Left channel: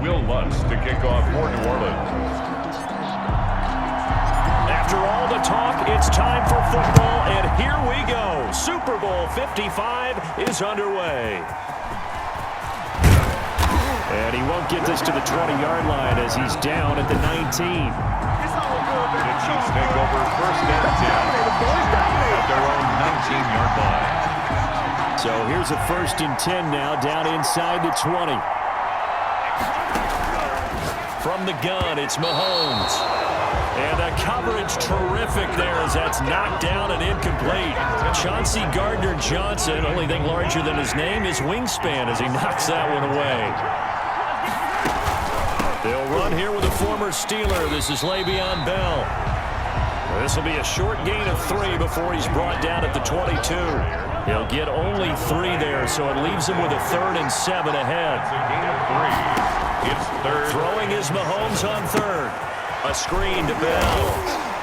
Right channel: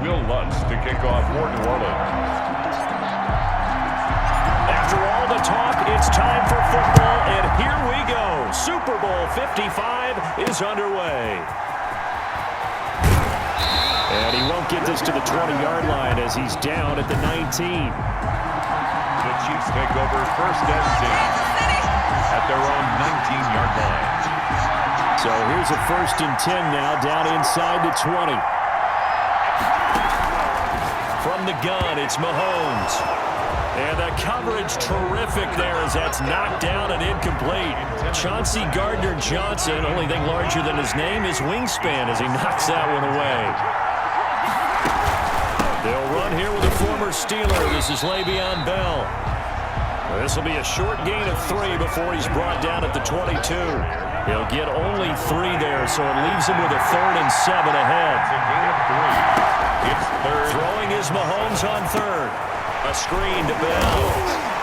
Will Lutz to kick off for New Orleans. After all the talk, it's time for football, and here we go. Super Bowl 55 is underway. And he won't get this to the 20-yard line as he's down at the 19. The Chiefs take over first and 10 at their own 19-yard line. So here's a first and 10 now, down inside the 20. From the gun, it's Mahomes. And the coverage terrific there as that's knocked down and incomplete. Chauncey Gardner-Johnson, only thing larger than his name is wingspan as he knocks that one away. They'll run here with a former Steeler. This is Le'Veon Bell. This will be a short gain of 3 before he's brought down at the 22. He'll get only 3 there, so it leaves him with a 3rd and 7 ahead. It's a gain of 3. It's third. Throwing is Mahomes on 3rd. A screen to Bell.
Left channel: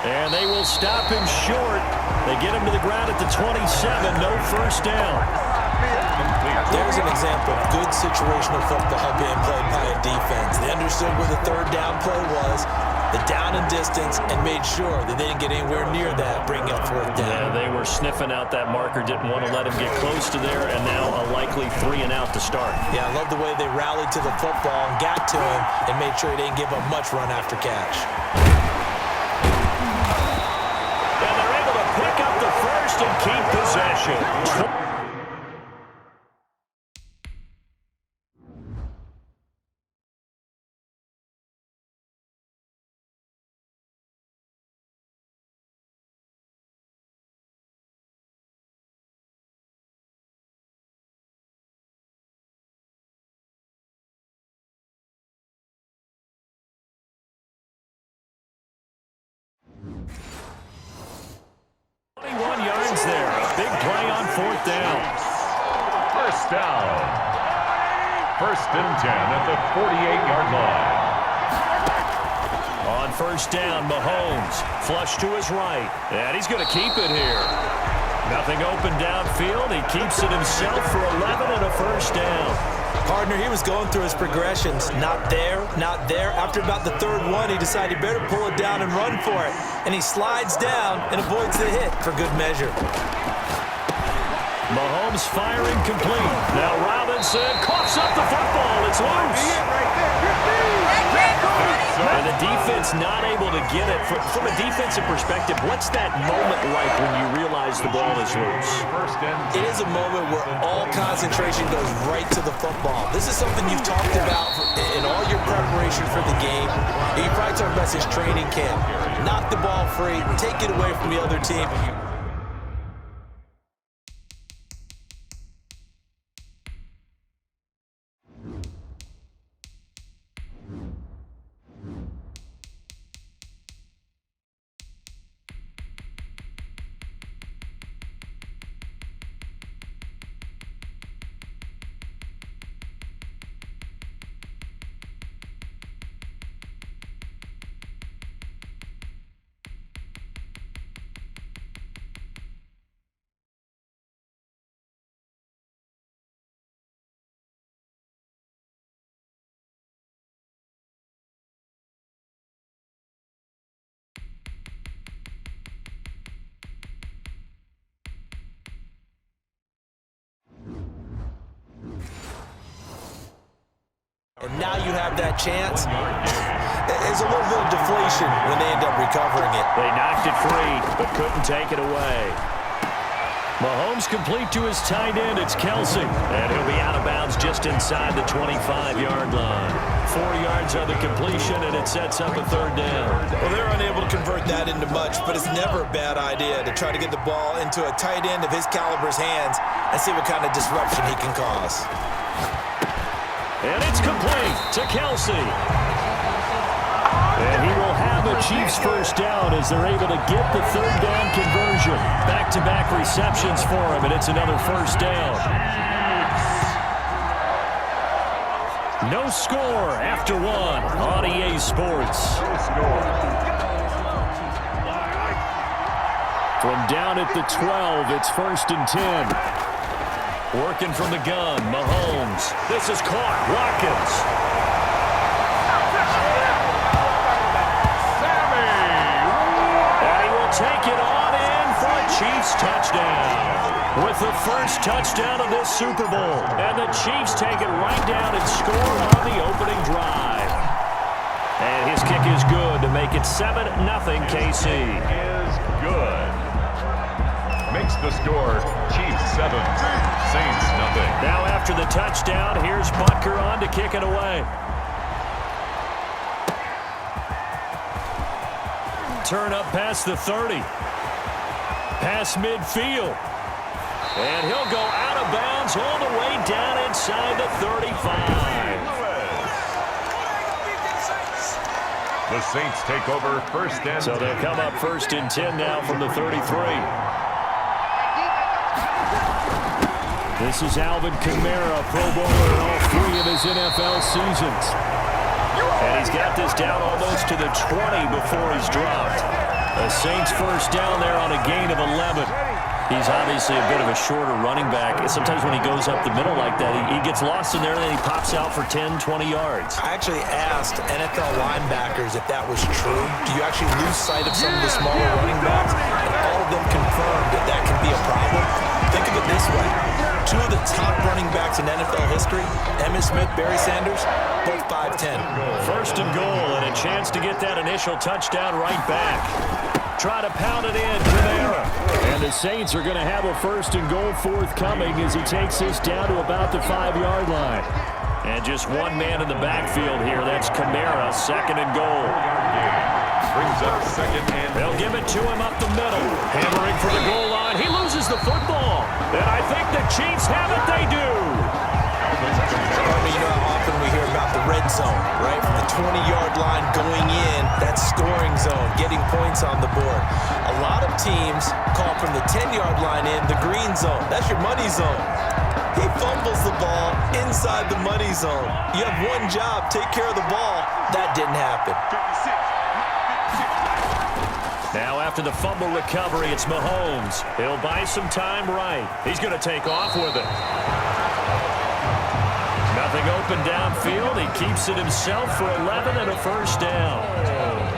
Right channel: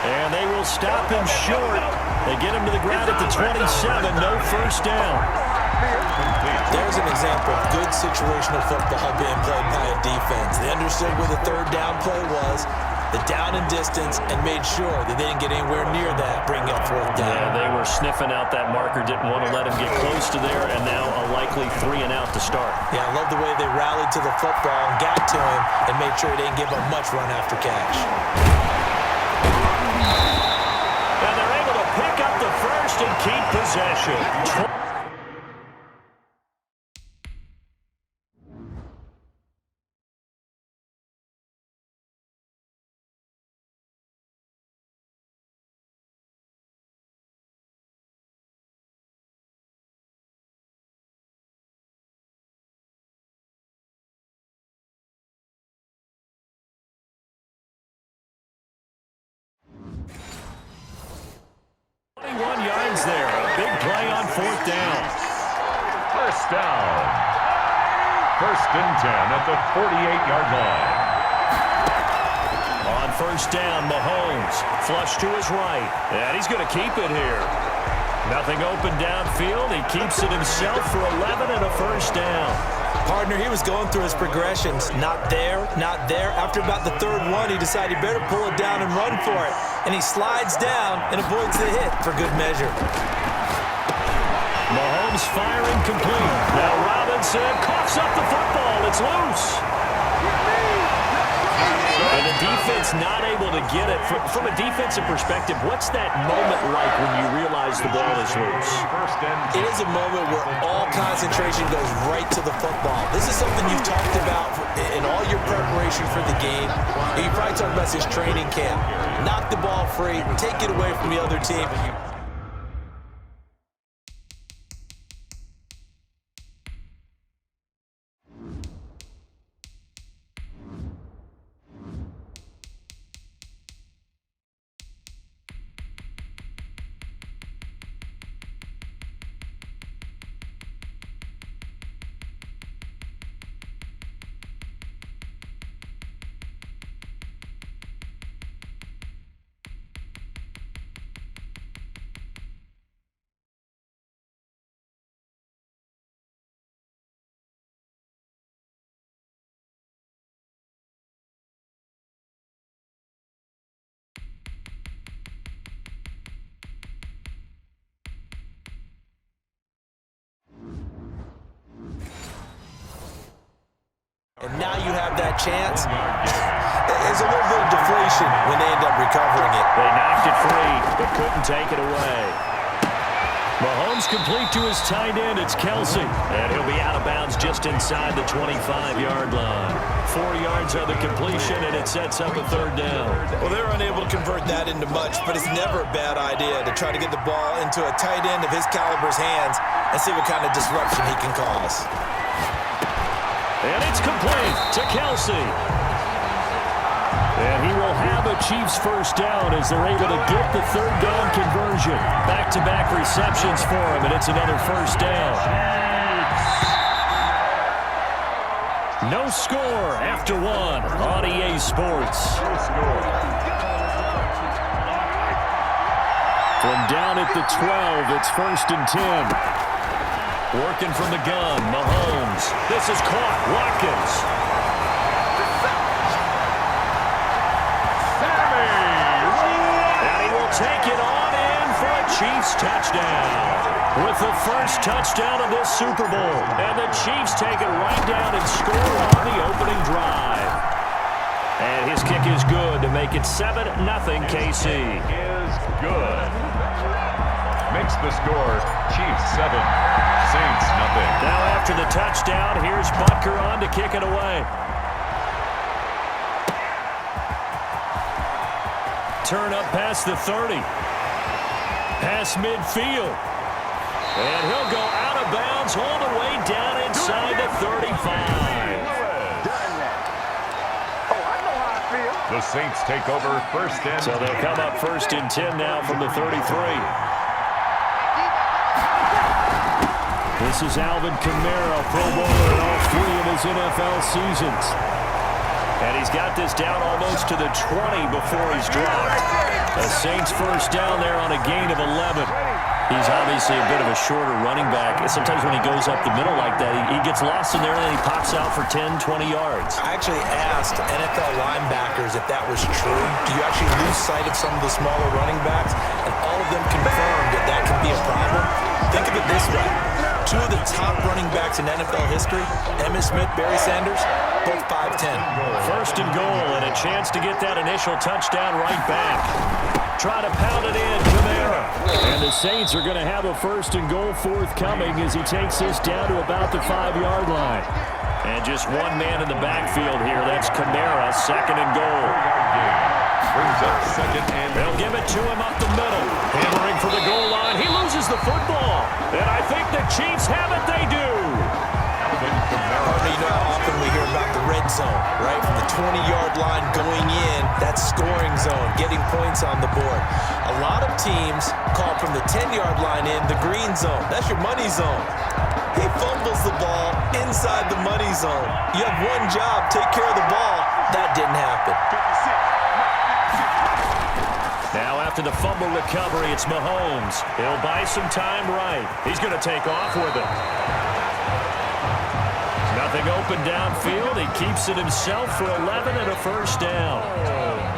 And they will stop him short. They get him to the ground at the 27. No first down. There's an example of good situational football being played by a defense. They understood where the 3rd down play was, the down and distance, and made sure that they didn't get anywhere near that, bringing up 4th down. Yeah, they were sniffing out that marker, didn't want to let him get close to there, and now a likely 3 and out to start. Yeah, I love the way they rallied to the football and got to him and made sure he didn't give up much run after catch. And they're able to pick up the first and keep possession. Yards there. A big play on 4th down. First down. First and 10 at the 48-yard line. On first down, Mahomes. Flush to his right. And he's going to keep it here. Nothing open downfield. He keeps it himself for 11 and a first down. Partner, he was going through his progressions. Not there, not there. After about the 3rd one, he decided he better pull it down and run for it. And he slides down and avoids the hit for good measure. Mahomes firing complete. Now Robinson coughs up the football. It's loose. And the defense not able to get it. From a defensive perspective, what's that moment like when you realize the ball is loose? It is a moment where all concentration goes right to the football. This is something you've talked about in all your preparation for the game. You probably talked about this training camp. Knock the ball free, take it away from the other team. And now you have that chance. There's a little bit of deflation when they end up recovering it. They knocked it free, but couldn't take it away. Mahomes complete to his tight end. It's Kelsey. And he'll be out of bounds just inside the 25-yard line. 4 yards on the completion, and it sets up a 3rd down. Well, they're unable to convert that into much, but it's never a bad idea to try to get the ball into a tight end of his caliber's hands and see what kind of disruption he can cause. And it's complete to Kelsey. And he will have a Chiefs first down as they're able to get the 3rd down conversion. Back-to-back receptions for him, and it's another first down. No score after 1 on EA Sports. No score. From down at the 12, it's 1st and 10. Working from the gun, Mahomes. This is caught. Watkins. Chiefs touchdown. With the first touchdown of this Super Bowl. And the Chiefs take it right down and score on the opening drive. And his kick is good to make it 7-0 KC. Is good. Makes the score Chiefs 7, Saints nothing. Now after the touchdown, here's Butker on to kick it away. Turn up past the 30. Past midfield. And he'll go out of bounds all the way down inside the 35. The Saints take over first and 10. So they'll come up first and 10 now from the 33. This is Alvin Kamara, Pro Bowler in all 3 of his NFL seasons. And he's got this down almost to the 20 before he's dropped. The Saints first down there on a gain of 11. He's obviously a bit of a shorter running back. Sometimes when he goes up the middle like that, he gets lost in there and then he pops out for 10, 20 yards. I actually asked NFL linebackers if that was true. Do you actually lose sight of some of the smaller running backs? And all of them confirmed that that can be a problem. Think of it this way. 2 of the top running backs in NFL history, Emmitt Smith, Barry Sanders, both 5'10". First and goal and a chance to get that initial touchdown right back. Try to pound it in, Kamara. And the Saints are going to have a first and goal forthcoming as he takes this down to about the 5-yard line. And just one man in the backfield here. That's Kamara, second and goal. Brings up second and they'll give it to him up the middle. Hammering for the goal line. He loses the football. And I think the Chiefs have it. They do. You know how often we hear about the red zone, right? From the 20-yard line going in, that scoring zone, getting points on the board. A lot of teams call from the 10-yard line in the green zone. That's your money zone. He fumbles the ball inside the money zone. You have one job, take care of the ball. That didn't happen. Now after the fumble recovery, it's Mahomes. He'll buy some time right. He's going to take off with it. Nothing open downfield. He keeps it himself for 11 and a first down.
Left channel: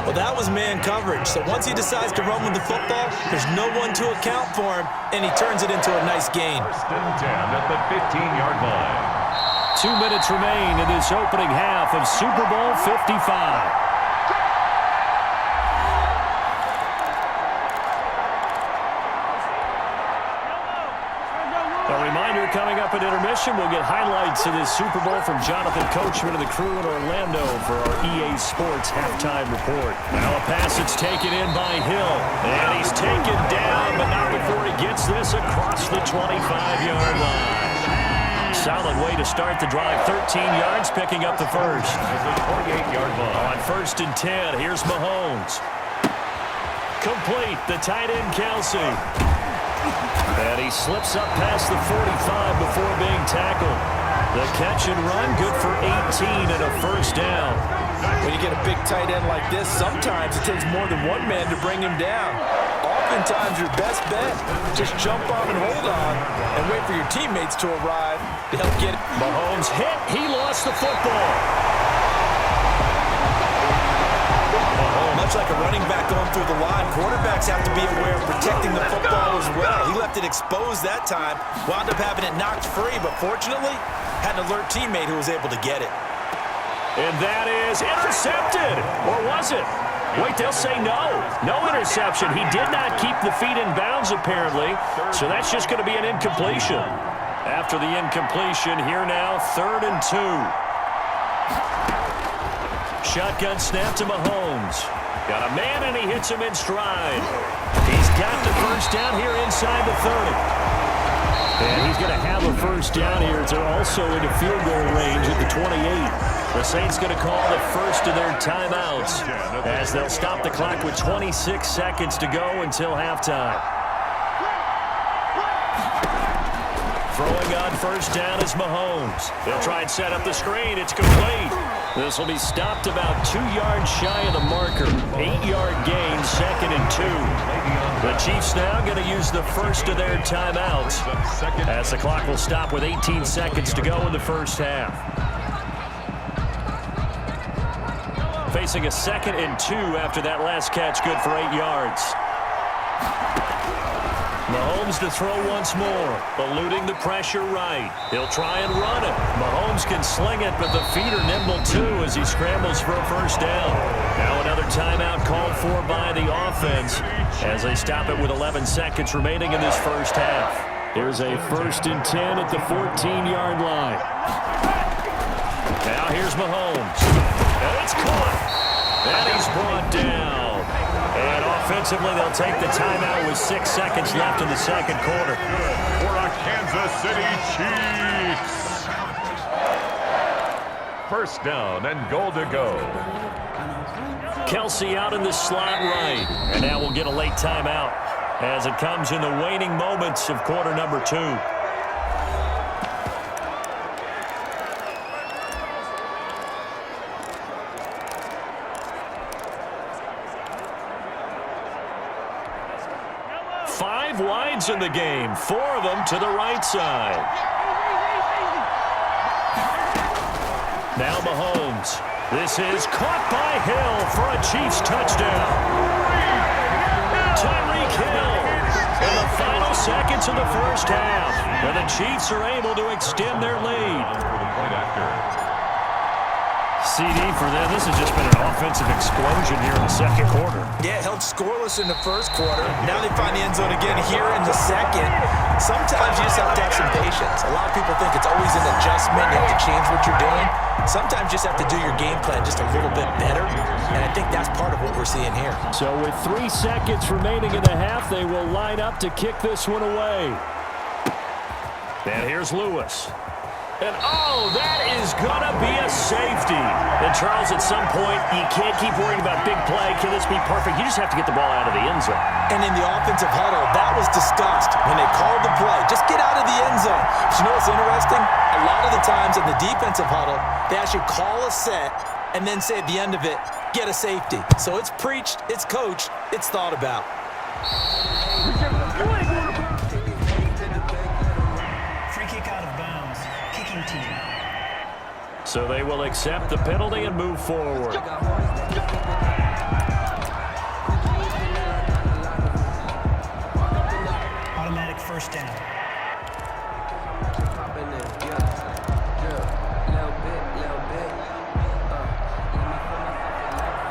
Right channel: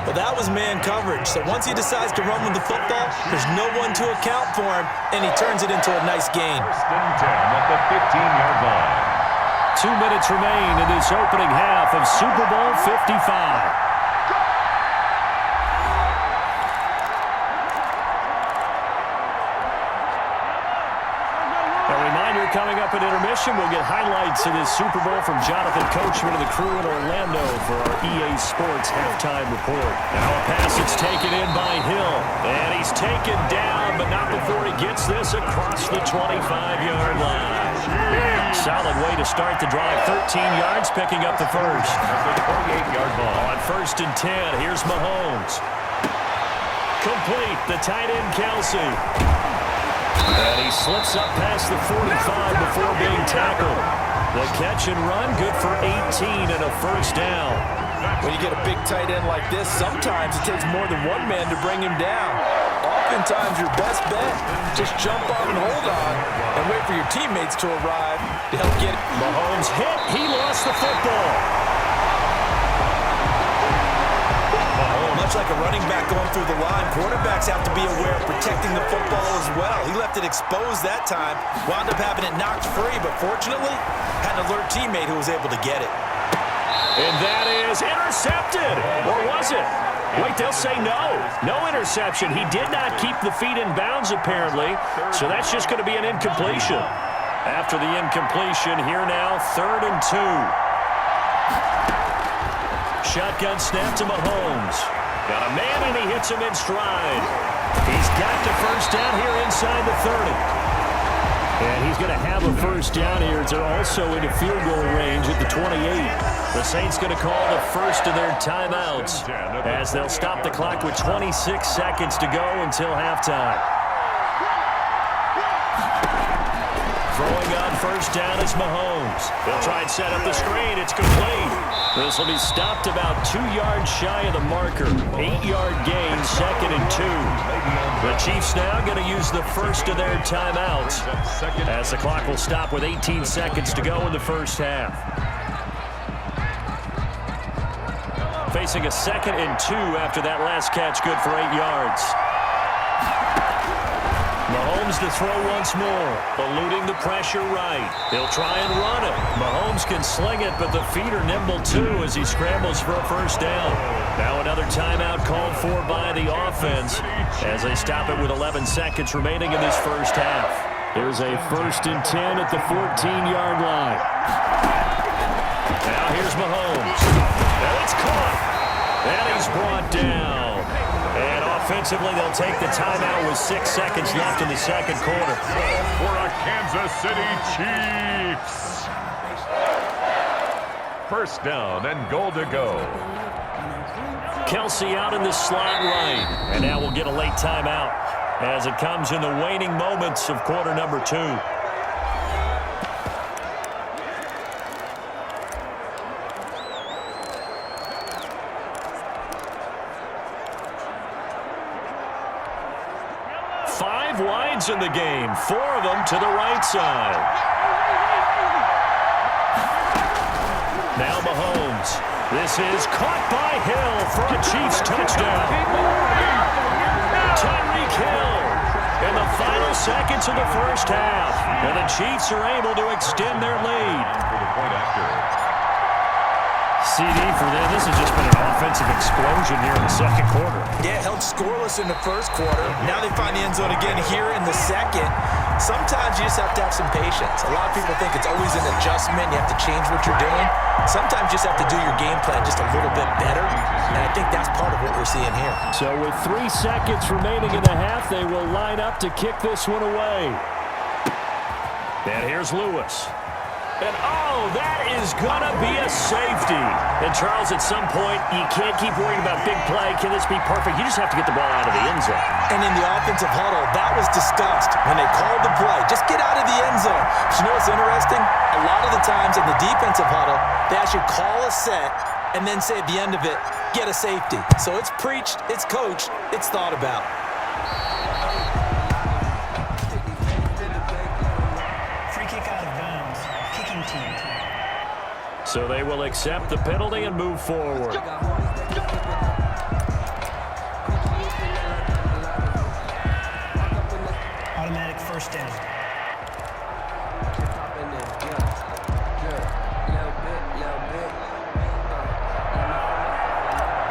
Well, that was man coverage. So once he decides to run with the football, there's no one to account for him, and he turns it into a nice gain. First and 10 at the 15-yard line. 2 minutes remain in this opening half of Super Bowl 55. A reminder, coming up at intermission, we'll get highlights of this Super Bowl from Jonathan Coachman and the crew in Orlando for our EA Sports halftime report. Now a pass that's taken in by Hill. And he's taken down, but not before he gets this across the 25-yard line. Solid way to start the drive. 13 yards, picking up the first. At the 28-yard line. On first and 10, here's Mahomes. Complete, the tight end Kelsey. And he slips up past the 45 before being tackled. The catch and run, good for 18 and a first down. When you get a big tight end like this, sometimes it takes more than one man to bring him down. Oftentimes, your best bet, just jump on and hold on and wait for your teammates to arrive to help get it. Mahomes hit. He lost the football. Much like a running back going through the line, quarterbacks have to be aware of protecting the football as well. He left it exposed that time, wound up having it knocked free, but fortunately, had an alert teammate who was able to get it. And that is intercepted. Or was it? Wait, they'll say no. No interception. He did not keep the feet in bounds, apparently, so that's just going to be an incompletion. After the incompletion, here now, 3rd and 2. Shotgun snap to Mahomes. Got a man, and he hits him in stride. He's got the first down here inside the 30. And he's going to have a first down here. It's also into field goal range at the 28. The Saints going to call the first of their timeouts as they'll stop the clock with 26 seconds to go until halftime. Throwing on first down is Mahomes. He'll try and set up the screen. It's complete. This will be stopped about 2 yards shy of the marker. 8-yard gain, 2nd and 2. The Chiefs now going to use the first of their timeouts as the clock will stop with 18 seconds to go in the first half. Facing a 2nd and 2 after that last catch, good for 8 yards. Mahomes to throw once more, eluding the pressure right. He'll try and run it. Mahomes can sling it, but the feet are nimble too as he scrambles for a first down. Now another timeout called for by the offense as they stop it with 11 seconds remaining in this first half. Here's a 1st and 10 at the 14-yard line. Now here's Mahomes. And it's caught. And he's brought down. And offensively, they'll take the timeout with 6 seconds left in the second quarter. Good for a Kansas City Chiefs. First down and goal to go. Kelsey out in the slot right. And now we'll get a late timeout as it comes in the waning moments of quarter number 2. Five wides in the game, 4 of them to the right side. Now Mahomes. This is caught by Hill for a Chiefs touchdown. Tyreek Hill in the final seconds of the first half. And the Chiefs are able to extend their lead. For the point after. CD for them. This has just been an offensive explosion here in the second quarter. Yeah, held scoreless in the first quarter. Now they find the end zone again here in the second. Sometimes you just have to have some patience. A lot of people think it's always an adjustment. You have to change what you're doing. Sometimes you just have to do your game plan just a little bit better. And I think that's part of what we're seeing here. So with 3 seconds remaining in the half, they will line up to kick this one away. And here's Lewis. And, oh, that is going to be a safety. And, Charles, at some point, you can't keep worrying about big play. Can this be perfect? You just have to get the ball out of the end zone. And in the offensive huddle, that was discussed when they called the play. Just get out of the end zone. But you know what's interesting? A lot of the times in the defensive huddle, they actually call a set and then say at the end of it, get a safety. So it's preached, it's coached, it's thought about. Free kick out of bounds. Kicking team. So they will accept the penalty and move forward. Automatic first down.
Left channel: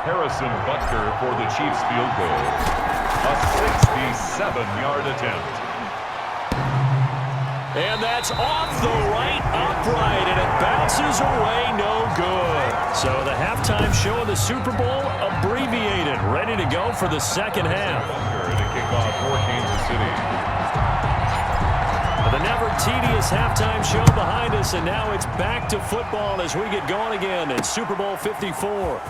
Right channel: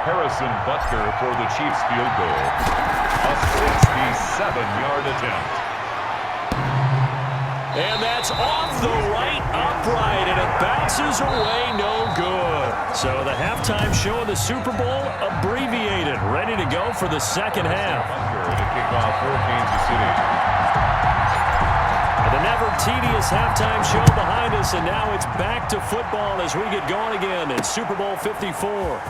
Harrison Butker for the Chiefs field goal. A 67-yard attempt. And that's off the right upright, and it bounces away, no good. So the halftime show of the Super Bowl abbreviated, ready to go for the second half. To kick off for Kansas City. The never tedious halftime show behind us, and now it's back to football as we get going again in Super Bowl 54.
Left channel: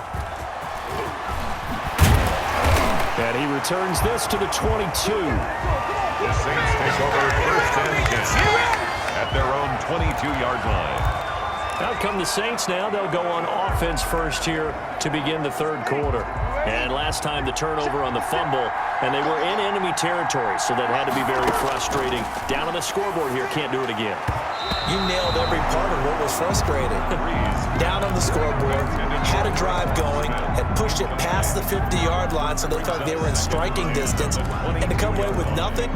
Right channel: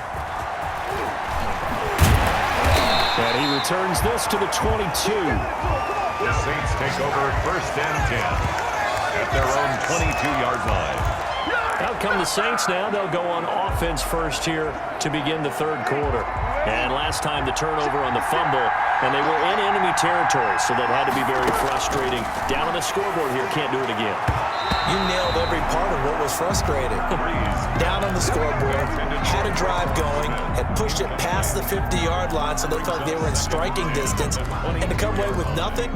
And he returns this to the 22. The Saints take over 1st and 10 at their own 22-yard line. Out come the Saints now. They'll go on offense first here to begin the third quarter. And last time the turnover on the fumble, and they were in enemy territory, so that had to be very frustrating. Down on the scoreboard here, can't do it again. You nailed every part of what was frustrating. Down on the scoreboard, had a drive going, had pushed it past the 50-yard line so they felt like they were in striking distance, and to come away with nothing,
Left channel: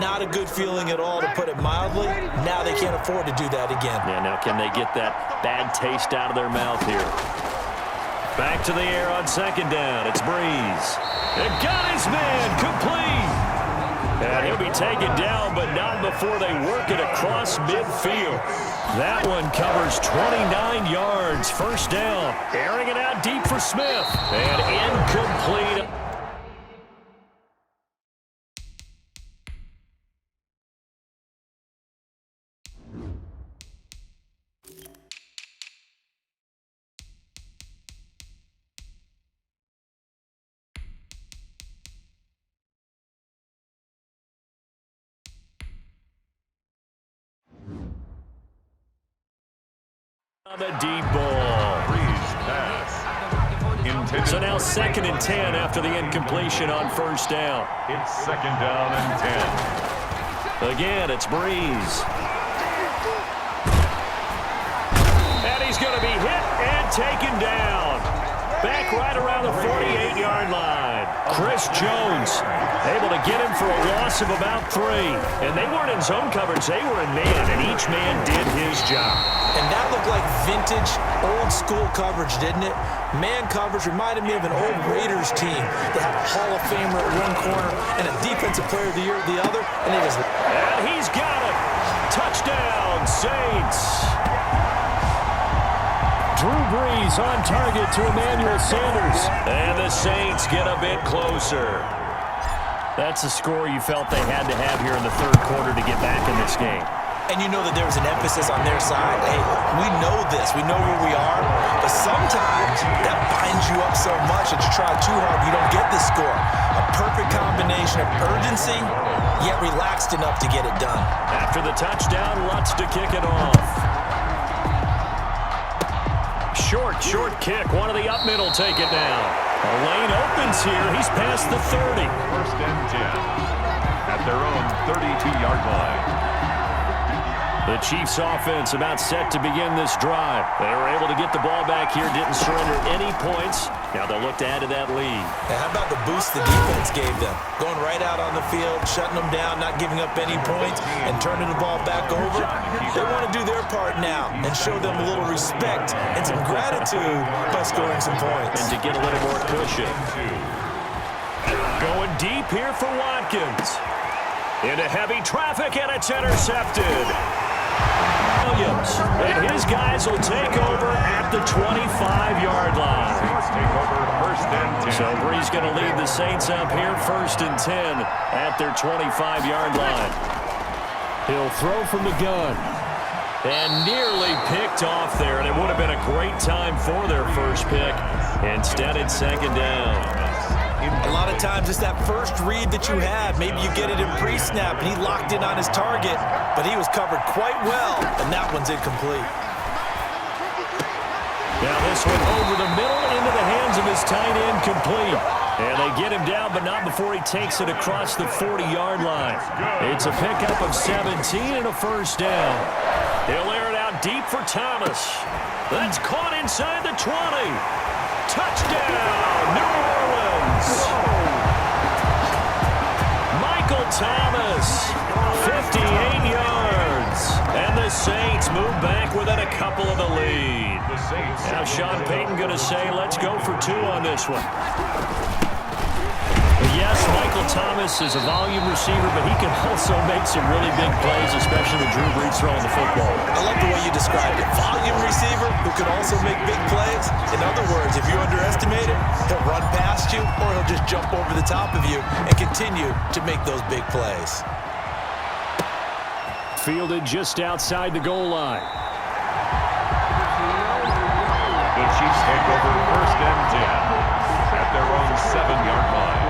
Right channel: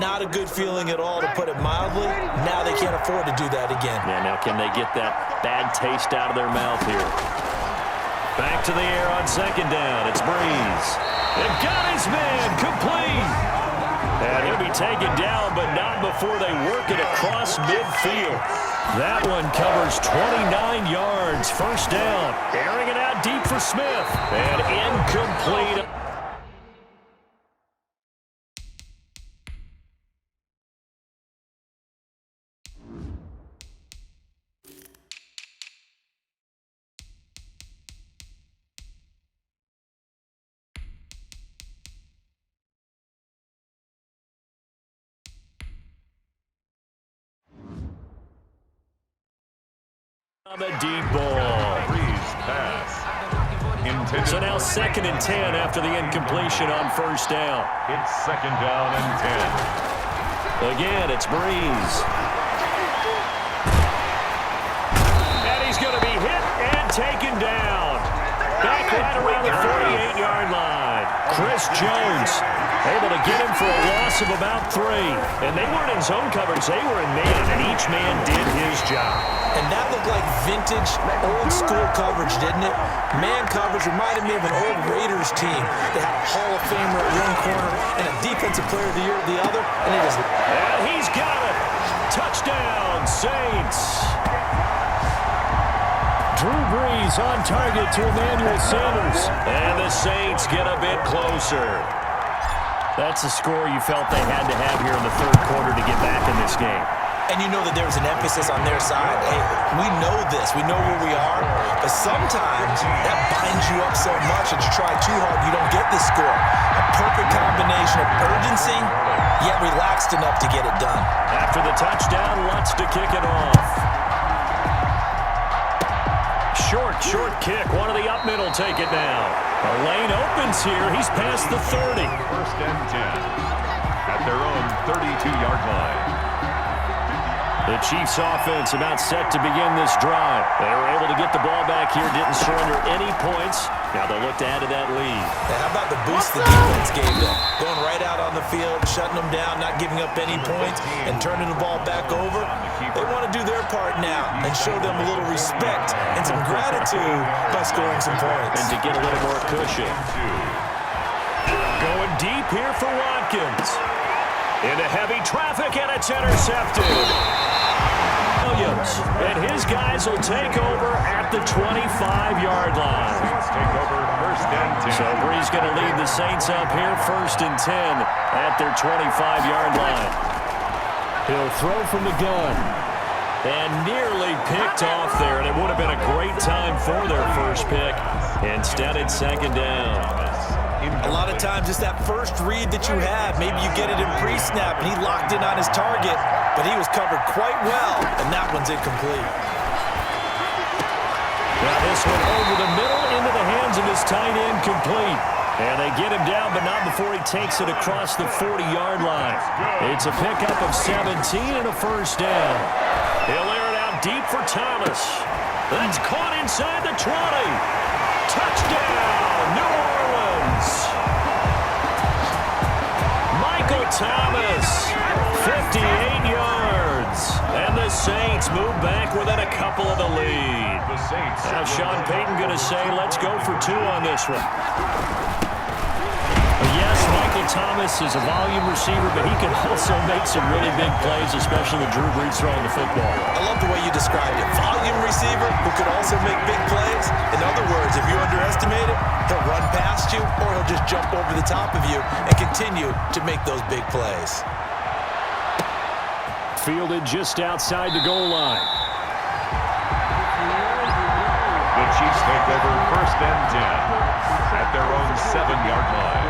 not a good feeling at all, to put it mildly. Now they can't afford to do that again. Yeah, now can they get that bad taste out of their mouth here? Back to the air on second down. It's Breeze. It got his man complete. And he'll be taken down, but not before they work it across midfield. That one covers 29 yards. First down. Airing it out deep for Smith. And incomplete. On the deep ball. Breeze pass. Intended. So now 2nd and 10 after the incompletion on first down. It's 2nd down and 10. Again, it's Breeze. And he's going to be hit and taken down. Back right around the 48-yard line. line. Chris Jones able to get him for a loss of about 3. And they weren't in zone coverage. They were in man, and each man did his job. And that looked like vintage, old-school coverage, didn't it? Man coverage reminded me of an old Raiders team. They had a Hall of Famer at one corner and a Defensive Player of the Year at the other, and he just... And he's got it. Touchdown, Saints. Drew Brees on target to Emmanuel Sanders. And the Saints get a bit closer. That's a score you felt they had to have here in the third quarter to get back in this game. And you know that there was an emphasis on their side. Hey, we know this. We know where we are. But sometimes that binds you up so much that you try too hard, you don't get the score. A perfect combination of urgency, yet relaxed enough to get it done. After the touchdown, Lutz to kick it off. Short kick. One of the up middle take it now. A lane opens here. He's past the 30. First and 10 at their own 32-yard line. The Chiefs offense about set to begin this drive. They were able to get the ball back here, didn't surrender any points. Now they'll look to add to that lead. Now how about the boost the defense gave them? Going right out on the field, shutting them down, not giving up any points, and turning the ball back over. They want to do their part now and show them a little respect and some gratitude by scoring some points. And to get a little more cushion. Going deep here for Watkins. Into heavy traffic, and it's intercepted. Williams, and his guys will take over at the 25-yard line. Take over first and 10. So Brees going to lead the Saints up here first and 10 at their 25-yard line. He'll throw from the gun. And nearly picked off there, and it would have been a great time for their first pick. Instead, it's second down. A lot of times it's that first read that you have. Maybe you get it in pre-snap, and he locked in on his target, but he was covered quite well, and that one's incomplete. Now this one over the middle into the hands of his tight end, complete. And they get him down, but not before he takes it across the 40-yard line. It's a pickup of 17 and a first down. He'll air it out deep for Thomas. That's caught inside the 20. Touchdown, New Orleans. Michael Thomas, 58 yards. And the Saints move back within a couple of the lead. Now Sean Payton going to say, let's go for 2 on this one. Yes, Michael Thomas is a volume receiver, but he can also make some really big plays, especially with Drew Brees throwing the football. I love the way you described it. Volume receiver who could also make big plays. In other words, if you underestimate him, he'll run past you or he'll just jump over the top of you and continue to make those big plays. Fielded just outside the goal line. The Chiefs take over first and 10 at their own 7-yard line.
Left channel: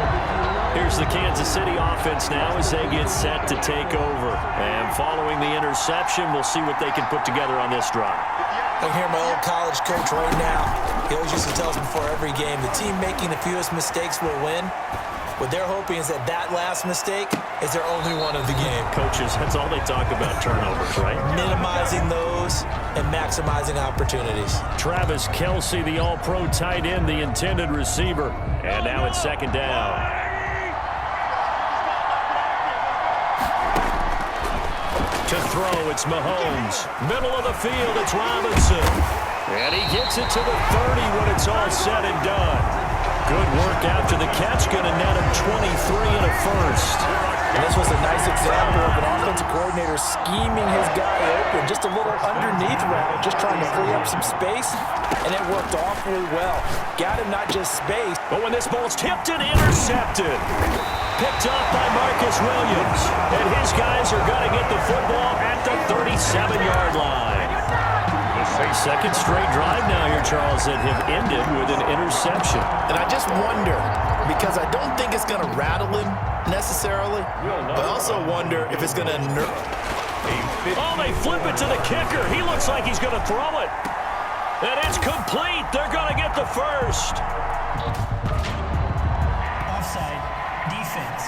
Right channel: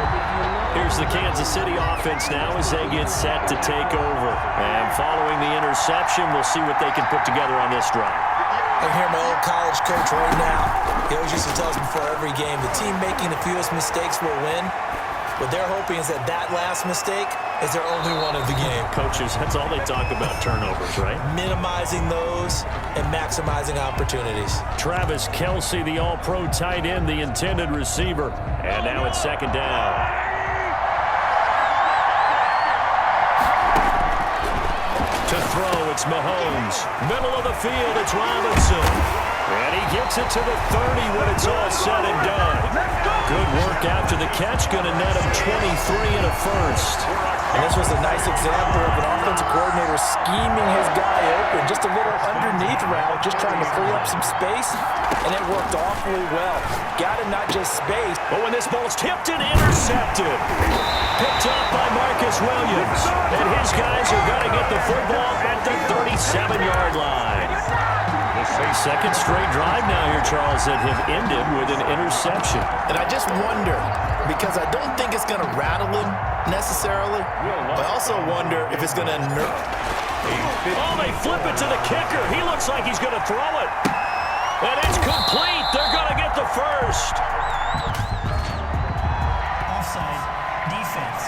Here's the Kansas City offense now as they get set to take over. And following the interception, we'll see what they can put together on this drive. I can hear my old college coach right now. He always used to tell us before every game, the team making the fewest mistakes will win. What they're hoping is that that last mistake is their only one of the game. Coaches, that's all they talk about, turnovers, right? Minimizing those and maximizing opportunities. Travis Kelce, the all-pro tight end, the intended receiver. And now it's second down. To throw, it's Mahomes. Middle of the field, it's Robinson. And he gets it to the 30 when it's all said and done. Good work after the catch, going to net him 23 and a first. And this was a nice example of an offensive coordinator scheming his guy open. Just a little underneath route, just trying to free up some space, and it worked awfully well. Got him not just space. But when this ball's tipped and intercepted. Picked up by Marcus Williams. And his guys are going to get the football at the 37-yard line. Second straight drive now here, Charles, that have ended with an interception. And I just wonder, because I don't think it's going to rattle him necessarily, but I also wonder if it's going to Oh, they flip it to the kicker. He looks like he's going to throw it. And it's complete. They're going to get the first. Offside. Defense.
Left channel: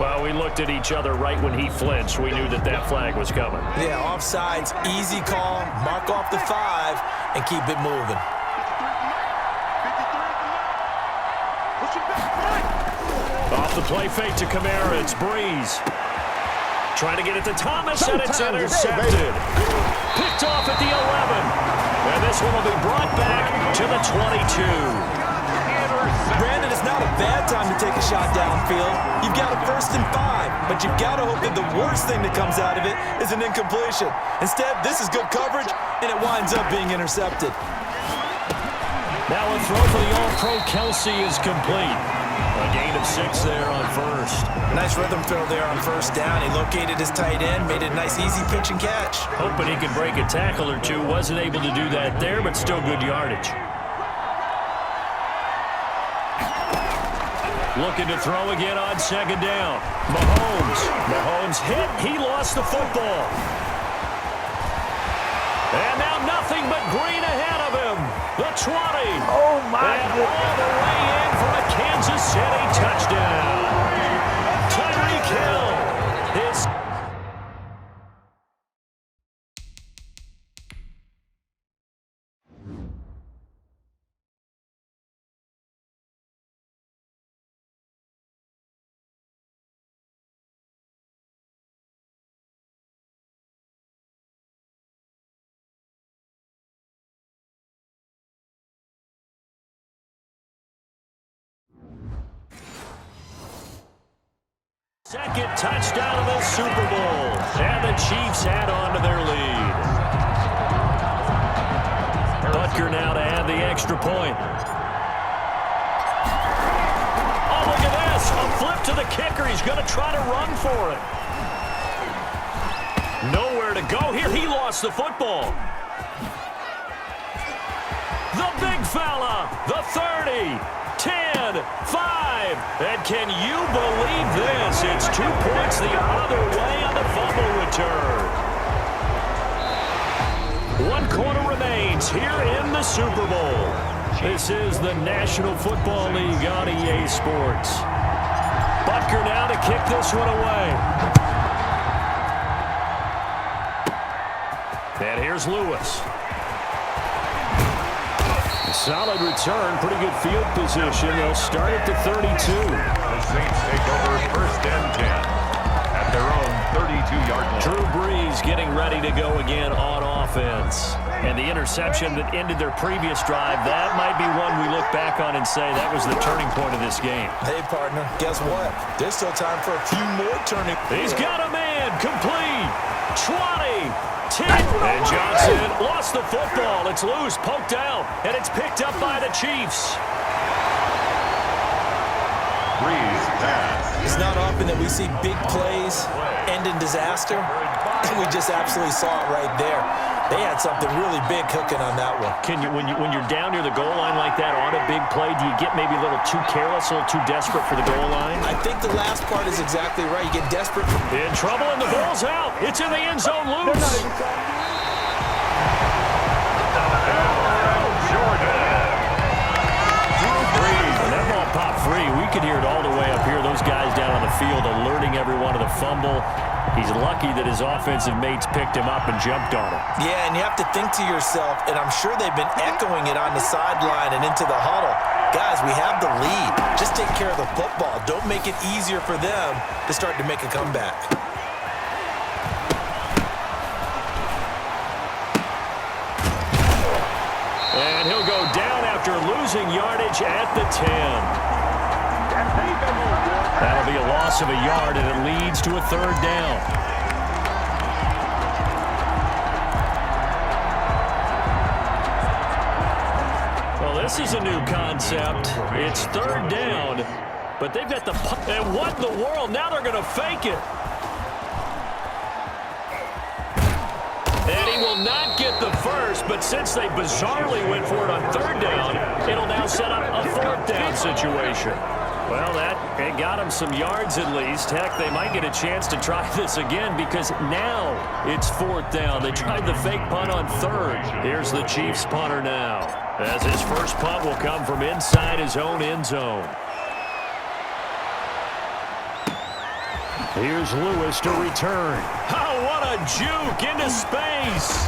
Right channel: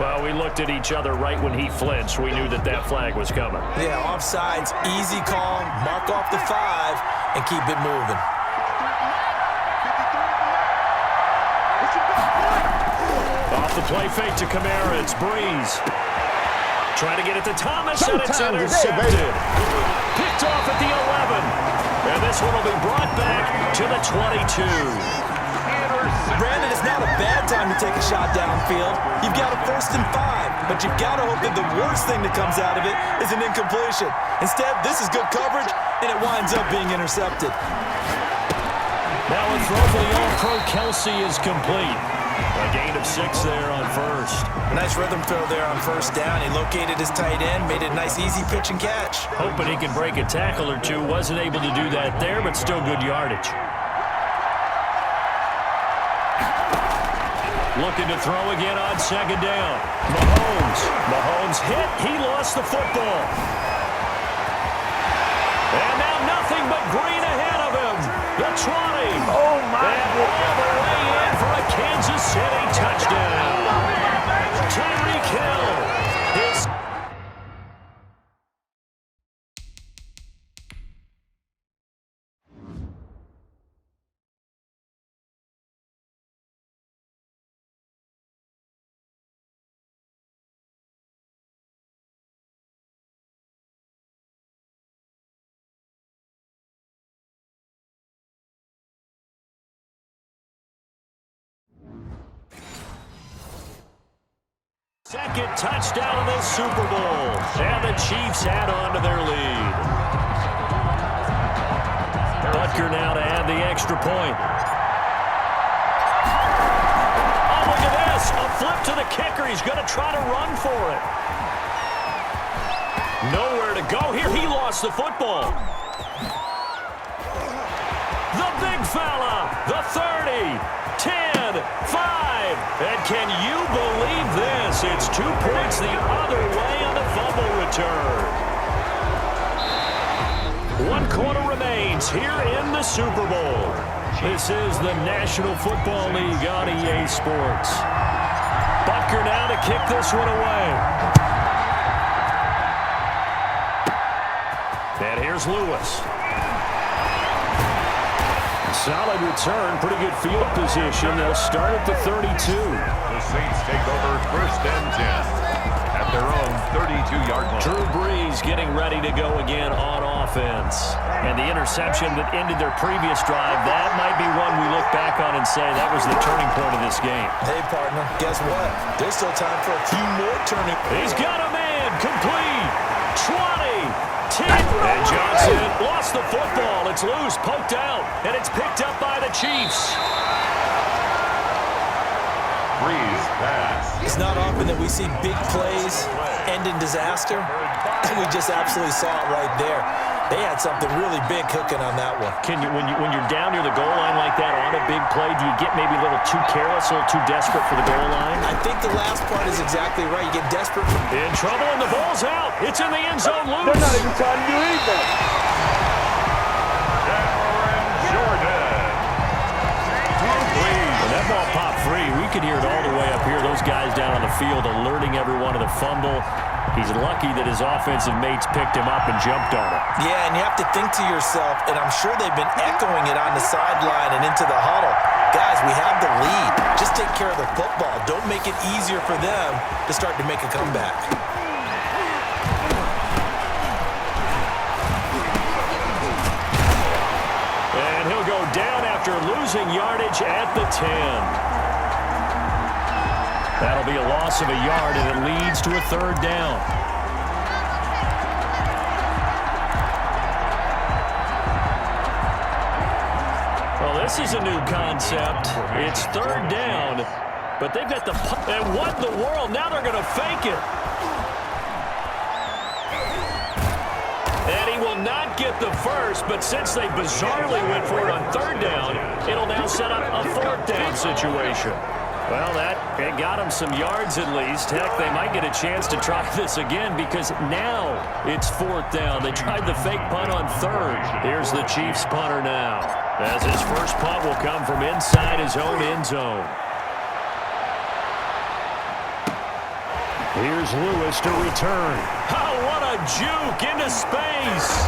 Well, we looked at each other right when he flinched. We knew that that flag was coming. Yeah, offsides, easy call, mark off the 5, and keep it moving. the play fake to Kamara. It's Breeze. Trying to get it to Thomas, and it's intercepted. Picked off at the 11. And this one will be brought back to the 22. Brandon, it's not a bad time to take a shot downfield. You've got a 1st and 5, but you've got to hope that the worst thing that comes out of it is an incompletion. Instead, this is good coverage, and it winds up being intercepted. Now a throw for the All-Pro Kelsey is complete. A gain of 6 there on first. Nice rhythm throw there on 1st down. He located his tight end, made it a nice easy pitch and catch. Hoping he can break a tackle or two. Wasn't able to do that there, but still good yardage. Looking to throw again on 2nd down. Mahomes hit. He lost the football. And now nothing but green ahead of him. The 20. Oh, my and goodness. all the way in for a Kansas City touchdown. Tyreek Hill is... Second touchdown of this Super Bowl. And the Chiefs add on to their lead. Butker now to add the extra point. Oh, look at this. A flip to the kicker. He's going to try to run for it. Nowhere to go here. He lost the football. The big fella. The 30. 10, 5, and can you believe this? It's 2 points the other way on the fumble return. 1 quarter remains here in the Super Bowl. This is the National Football League on EA Sports. Butker now to kick this one away. And here's Lewis. Solid return, pretty good field position. They'll start at the 32. The Saints take over 1st and 10 at their own 32-yard line. Drew Brees getting ready to go again on offense. And the interception that ended their previous drive, that might be one we look back on and say that was the turning point of this game. Hey, partner, guess what? There's still time for a few more turning. He's got a man, complete, 20, 10, and Johnson lost the football. It's loose, poked out, and it's picked up by the Chiefs. Breeze pass. It's not often that we see big plays end in disaster, and we just absolutely saw it right there. They had something really big cooking on that one. Can you, when you're down near the goal line like that on a big play, do you get maybe a little too careless, a little too desperate for the goal line? I think the last part is exactly right. You get desperate. In trouble, and the ball's out. It's in the end zone, loose. They're not even trying to do anything. Aaron Jordan. Drew Brees. When that ball popped free, we could hear it all the way up here. Those guys down on the field alerting everyone of the fumble. He's lucky that his offensive mates picked him up and jumped on him. Yeah, and you have to think to yourself, and I'm sure they've been echoing it on the sideline and into the huddle. Guys, we have the lead. Just take care of the football. Don't make it easier for them to start to make a comeback. And he'll go down after losing yardage at the 10. That'll be a loss of a yard, and it leads to a 3rd down. Well, this is a new concept. It's 3rd down, but they've got the punt. And what in the world? Now they're going to fake it. And he will not get the first, but since they bizarrely went for it on 3rd down, it'll now set up a 4th down situation. Well, it got him some yards at least. Heck, they might get a chance to try this again because now it's 4th down. They tried the fake punt on 3rd. Here's the Chiefs punter now, as his first punt will come from inside his own end zone. Here's Lewis to return. Oh, what a juke into space.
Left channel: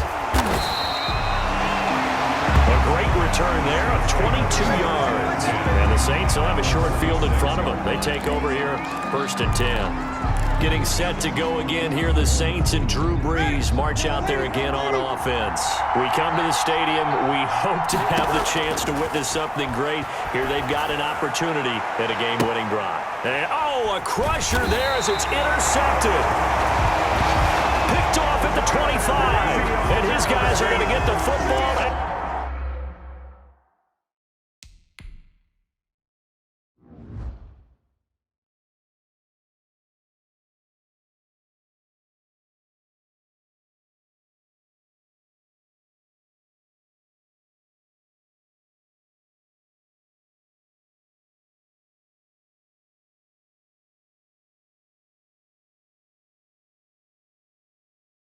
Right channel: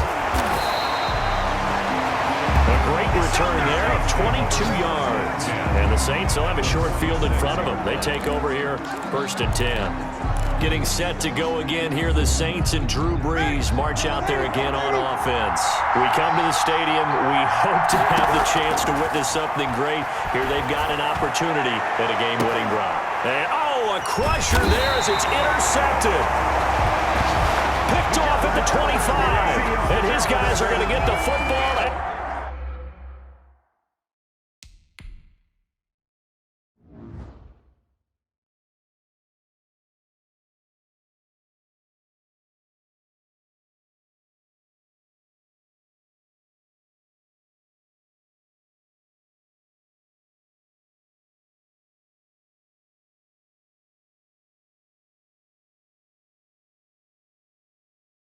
A great return there of 22 yards. And the Saints will have a short field in front of them. They take over here, 1st and 10. Getting set to go again here, the Saints and Drew Brees march out there again on offense. We come to the stadium. We hope to have the chance to witness something great. Here they've got an opportunity at a game-winning drive. And, oh, a crusher there as it's intercepted. Picked off at the 25. And his guys are going to get the football.